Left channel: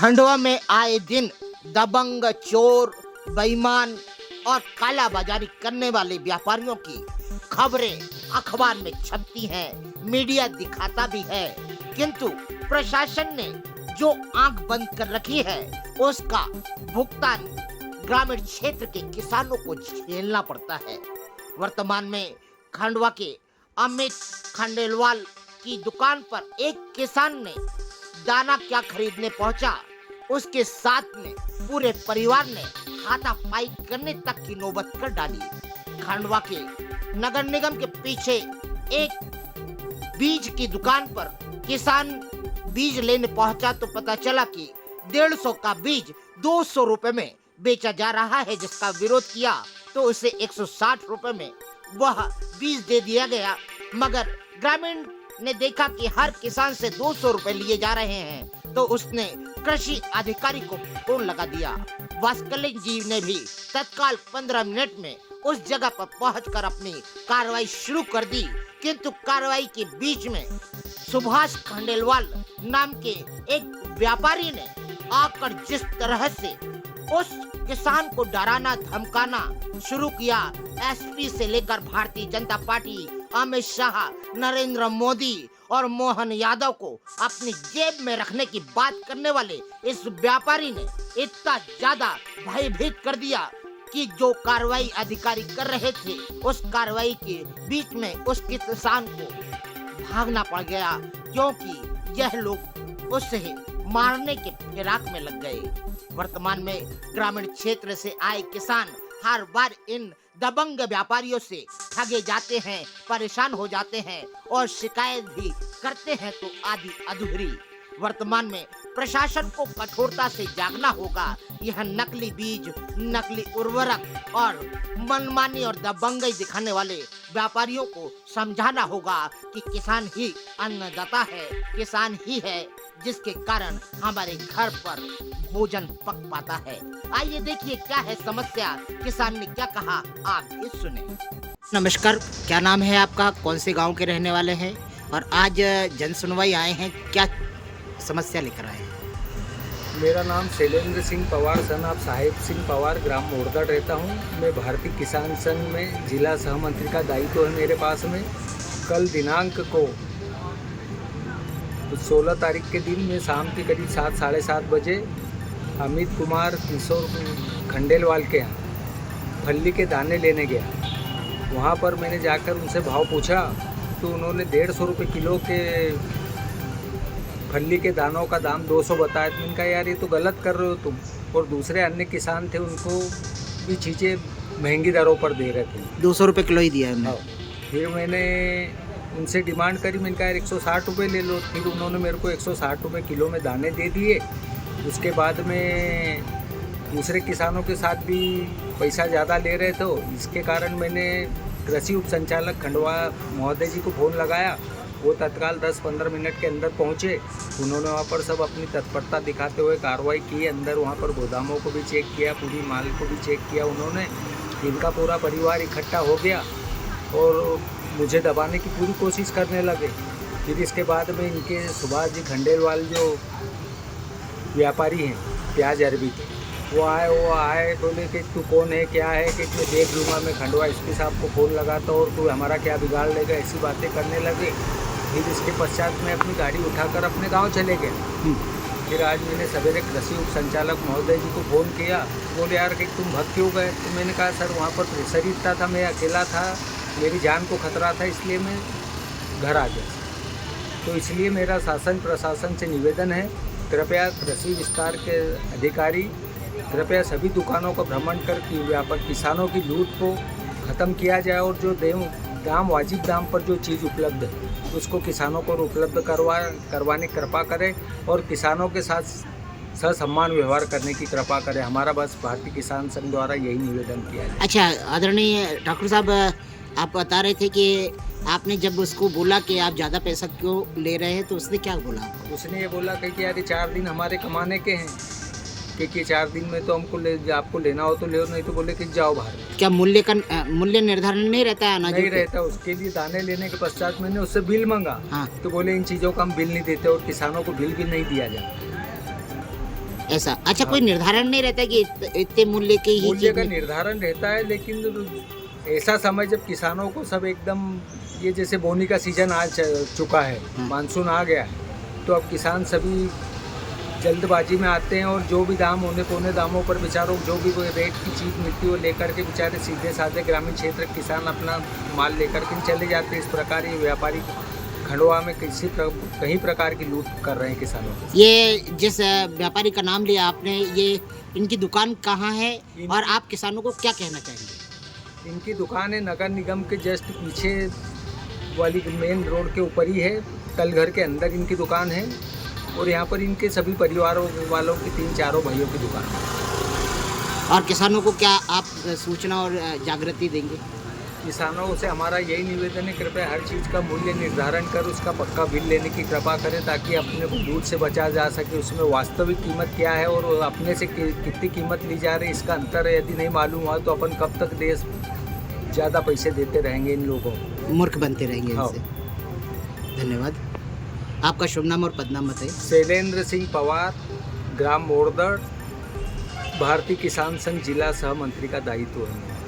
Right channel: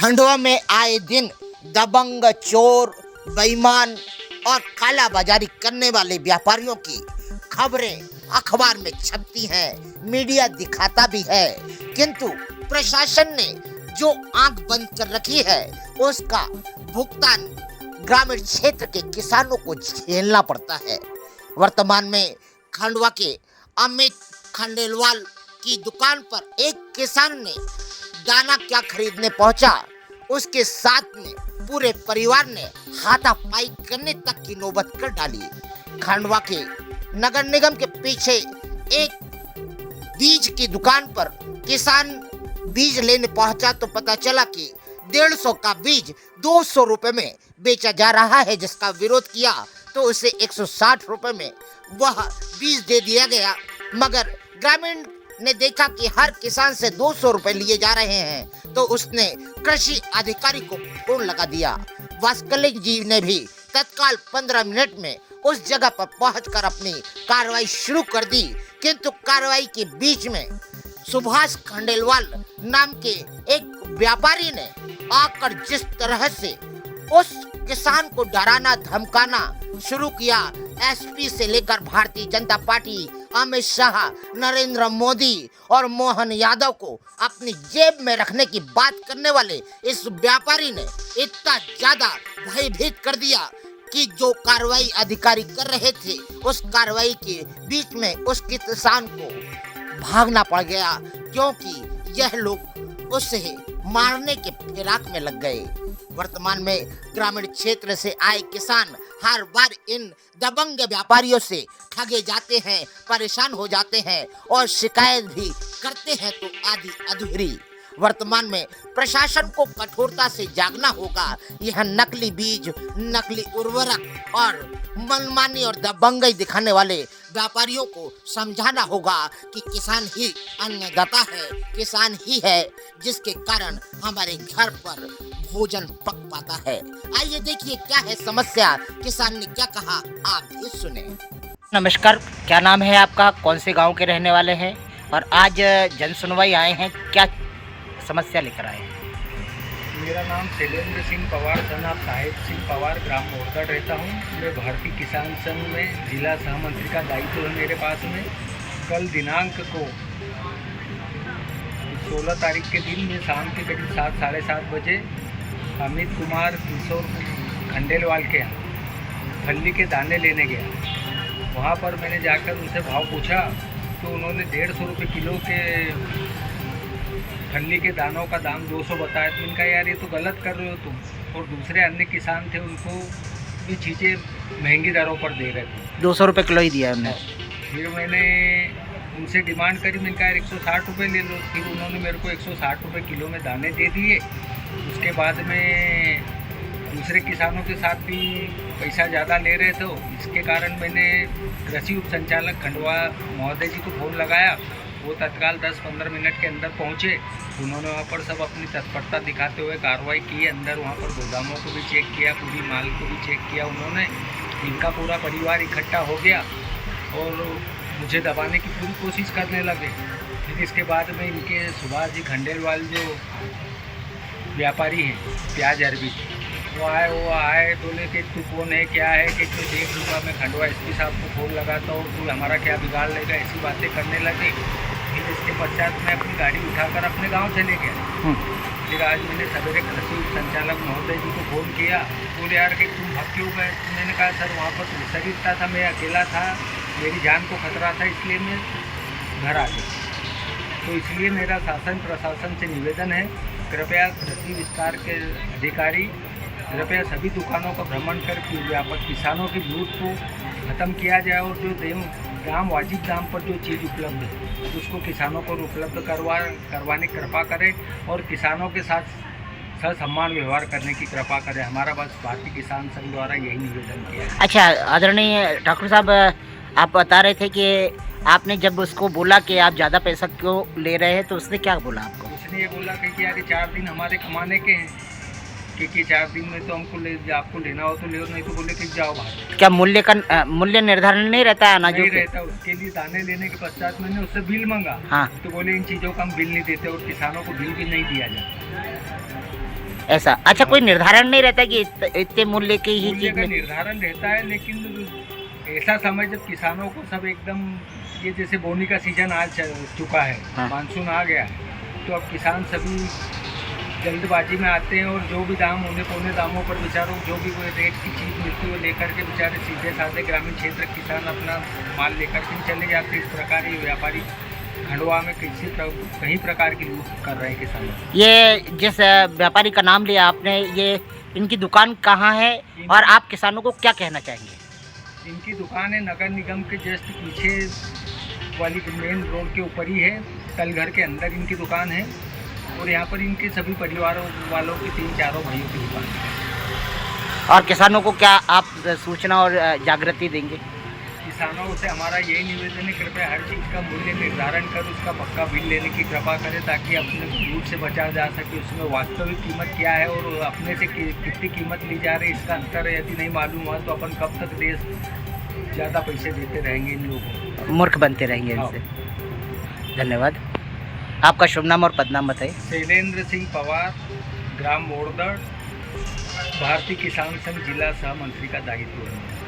खंडवा में आए दिन दबंग, चोर, बेईमान और काला बाजारी करने वाले व्यापारियों की खबरें अखबार में छपती हैं, मीडिया दिखाता भी है, किंतु प्रशासन ने जो आंख बंद कर रखी है उसका भुगतान ग्रामीण क्षेत्र के किसानों को झेलना पड़ता है। वर्तमान में खंडवा के अमित खंडेलवाल की दुकान पर एक किसान ने दाना क्या खरीदने पहुंचा, उसके साथ में पूरे परिवार ने हाथापाई करने तक की नौबत कर डाली। खंडवा के नगर निगम के पीछे एक बीज की दुकान पर किसान बीज लेने पहुंचा तो पता चला कि 150 का बीज 200 रुपए में बेचा जा रहा है, जिसका विरोध किया तो उसे 160 रुपए में वह बीज दे दिया गया। मगर ग्रामीण ने देखा कि हर किसान से 200 रुपए लिए जा रहे हैं तो उसने कृषि अधिकारी को फोन लगा दिया। वास्कलिक जी ने भी तत्काल 15 मिनट में उस जगह पर पहुंचकर अपनी कार्रवाई शुरू कर दी, किंतु कार्रवाई के बीच में सुभाष खंडेलवाल नाम के एक व्यापारी ने आकर जिस तरह से उस किसान को डराना धमकाना शुरू किया, एसपी से लेकर भारतीय जनता पार्टी, अमित शाह, नरेंद्र मोदी और मोहन यादव को अपनी जेब में रखने की बात करने वाले इस व्यापारी ने इतना ज्यादा भयभीत कर दिया कि जो कार्रवाई अधिकारी कर रहे थे उस कार्रवाई के बीच में उस किसान को भागना पड़ गया, क्योंकि यह लोग उसे मारने के फिराक में लग गए। वर्तमान में ग्रामीण क्षेत्र से आए किसान हर बार इन दबंग व्यापारियों से ठगे जाते हैं, परेशान हो जाते हैं और शिकायत भी करते हैं तो आधी अधूरी। वर्तमान में प्रशासन को कठोरता से जागना होगा। यह नकली बीज, नकली उर्वरक और मनमानी और दबंगई दिखाने वाले व्यापारियों को समझाना होगा कि किसान ही अन्नदाता है, किसान ही है जिसके कारण हमारे घर पर भोजन पक पाता है। आइए देखिए क्या है समस्या, किसान ने क्या कहा, आप भी सुने। नमस्कार, क्या नाम है आपका, कौन से गांव के रहने वाले हैं और आज जन सुनवाई आए हैं, क्या समस्या लेकर आए हैं? मेरा नाम शैलेंद्र सिंह पवार सन ऑफ साहिब सिंह पवार, ग्राम मोरदा रहता हूँ। मैं भारतीय किसान संघ में जिला सहमंत्री का दायित्व है मेरे पास में। कल दिनांक को 16 तारीख के दिन में शाम के करीब 7 साढ़े 7 बजे अमित कुमार किशोर खंडेलवाल के यहाँ फल्ली के दाने लेने गया। वहाँ पर मैंने जाकर उनसे भाव पूछा तो उन्होंने 150 रुपये किलो के फल्ली के दानों का दाम 200 बताया। तो मैंने कहा यार ये तो गलत कर रहे हो तुम, और दूसरे अन्य किसान थे उनको भी चीज़ें महंगी दरों पर दे रहे थे। 200 रुपये किलो ही दिया उन्होंने। फिर मैंने उनसे डिमांड करी, मैंने कहा यार 160 रुपये ले लो। फिर उन्होंने मेरे को 160 रुपये किलो में दाने दे दिए। उसके बाद में दूसरे किसानों के साथ भी पैसा ज़्यादा ले रहे थे, इसके कारण मैंने कृषि उप संचालक खंडवा महोदय जी को फ़ोन लगाया। वो तत्काल 10-15 मिनट के अंदर पहुँचे। उन्होंने वहाँ पर सब अपनी तत्परता दिखाते हुए कार्रवाई की। अंदर वहाँ पर गोदामों को भी चेक किया, पूरी माल को भी चेक किया उन्होंने। इनका पूरा परिवार इकट्ठा हो गया और मुझे दबाने की पूरी कोशिश करने लगे। फिर इसके बाद में इनके सुभाष जी खंडेलवाल जो व्यापारी हैं प्याज अरबी, वो आए बोले कि तू कौन है, क्या है, कि मैं देख लूँगा, मैं खंडवा एसपी साहब को फ़ोन लगाता और तू हमारा क्या बिगाड़ लेगा, ऐसी बातें करने लगे। फिर इसके पश्चात मैं अपनी गाड़ी उठाकर अपने गांव चले गया। फिर आज मैंने सवेरे कृषि उप संचालक महोदय जी को फ़ोन किया। बोले यार कि तुम भाग क्यों गए? तो मैंने कहा सर वहाँ पर प्रेशर इतना था, मैं अकेला था, मेरी जान को खतरा था, इसलिए मैं घर आ गया। तो इसलिए मेरा शासन प्रशासन से निवेदन है, कृपया कृषि विस्तार के अधिकारी कृपया सभी दुकानों का भ्रमण कर व्यापक किसानों की लूट को ख़त्म किया जाए और जो दाम वाजिब दाम पर जो चीज़ उपलब्ध है उसको किसानों को उपलब्ध करवाने की कृपा करें और किसानों के साथ ससम्मान व्यवहार करने की कृपा करें। हमारा बस भारतीय किसान संघ द्वारा यही निवेदन किया है। अच्छा आदरणीय ठाकुर साहब, आप बता रहे थे कि आपने जब उसको बोला कि आप ज़्यादा पैसा क्यों ले रहे हैं तो उसने क्या बोला आपको? उसने ये बोला कि यार 4 दिन हमारे कमाने के हैं, कि 4 दिन में तो हमको आपको लेना हो तो ले, नहीं तो बोले कि जाओ बाहर। क्या मूल्य निर्धारण नहीं रहता है अनाजों नहीं रहता। उसके लिए दाने लेने के पश्चात मैंने उससे बिल मांगा। हाँ। तो बोले इन चीज़ों का हम बिल नहीं देते और किसानों को बिल भी नहीं दिया जाता। ऐसा। अच्छा, कोई निर्धारण नहीं रहता कि इतने मूल्य की ही मूल्य चीज का में? निर्धारण रहता है, लेकिन ऐसा समय जब किसानों को सब एकदम, ये जैसे बोनी का सीजन आ चुका है, हाँ। मानसून आ गया है, तो अब किसान सभी जल्दबाजी में आते हैं और जो भी दाम होने पौने दामों पर बेचारों को जो भी वो रेट की चीज़ मिलती है वो लेकर के बेचारे सीधे साधे ग्रामीण क्षेत्र के किसान अपना माल लेकर के चले जाते हैं। इस प्रकार ये व्यापारी खंडवा में कई प्रकार की लूट कर रहे हैं किसानों को। ये जिस व्यापारी का नाम लिया आपने, ये इनकी दुकान कहाँ है और आप किसानों को क्या कहना चाहेंगे? इनकी दुकान है नगर निगम के जस्ट पीछे वाली मेन रोड के ऊपर ही है, कल घर के अंदर इनकी दुकान है और यहाँ पर इनके सभी परिवारों वालों की 3-4 भाइयों की दुकान है। और किसानों को क्या आप सूचना और जागृति देंगे? किसानों से हमारा यही निवेदन है, कृपया हर चीज़ का मूल्य निर्धारण कर उसका पक्का बिल लेने की कृपा करें, ताकि अपने को लूट से बचा जा सके। उसमें वास्तविक कीमत क्या है और अपने से कितनी कीमत ली जा रही है, इसका अंतर यदि नहीं मालूम हुआ तो अपन कब तक देश ज़्यादा पैसे देते रहेंगे इन लोगों को, मूर्ख बनते रहेंगे इनसे। धन्यवाद। आपका शुभ नाम और पदनाम बताइए। शैलेंद्र सिंह पवार, ग्राम मोड़दड़, भारतीय किसान संघ जिला सह मंत्री का दायित्व है।